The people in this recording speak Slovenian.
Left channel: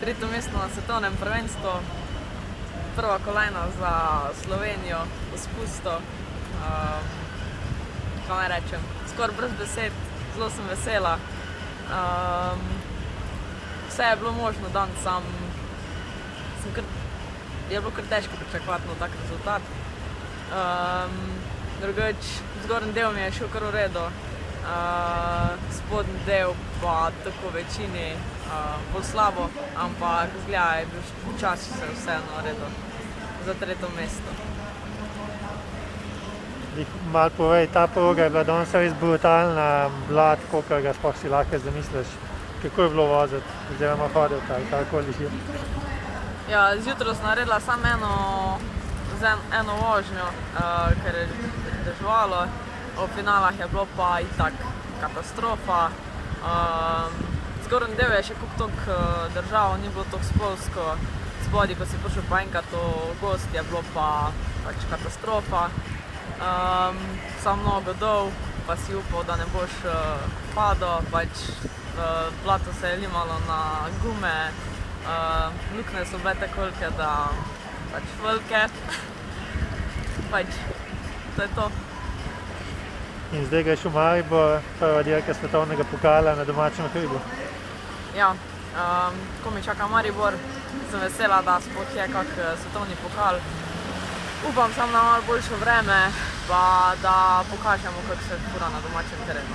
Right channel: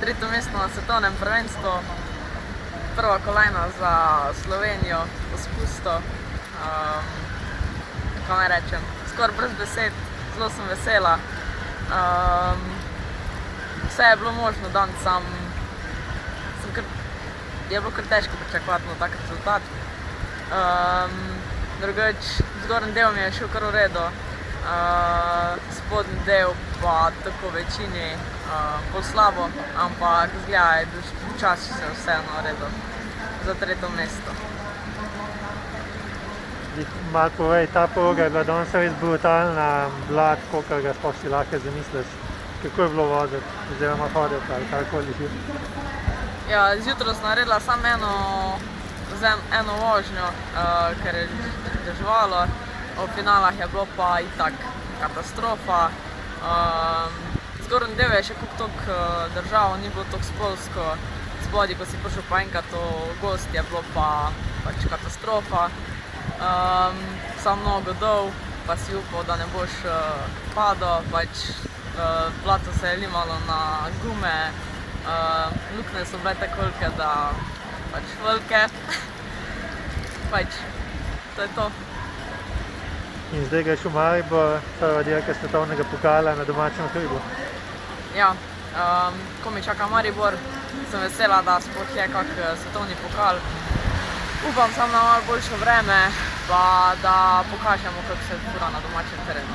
Tretje mesto na svetovnem prvenstvu, prva kolajna za Slovenijo v spustu. Kaj naj rečem, skoraj brez besed, zelo sem vesela. Vse je bilo možno dan, je bilo kar težko pričakovati na tak rezultat. Drugač, zgornji del mi je šel kar v redu, spodnji del pa tako večini bolj slabo, ampak zgleda je bil počasi se vseeno naredil za tretje mesto. Malo povej, ta proga je bila danes res brutalna, blad, kakor ga sploh si lahko zamisliš. Kako je bilo voziti oziroma hoditi ali karkoli že? Ja, zjutraj sem naredila samo eno vožnjo, ker je deževalo. V finalah je bilo pa itak katastrofa. Zgornji del je še toliko držal, ni bilo toliko spolzko. Spodaj, ko si prišel pa enkrat v gozd, je bilo pa pač katastrofa. Samo mnogo dol, pa si upal, da ne boš padel, pač blato se je limalo na gume, luknje so bile tako velike, da pač velike. Pač, to je to. In zdaj greš v Maribor, prva dirka svetovnega pokala na domačem hribu. Ja, ko mi čaka Maribor, sem vesela, da sploh je kak svetovni pokal. Upam samo na malo boljše vreme, pa da pokažemo, kako se fura na domačem terenu.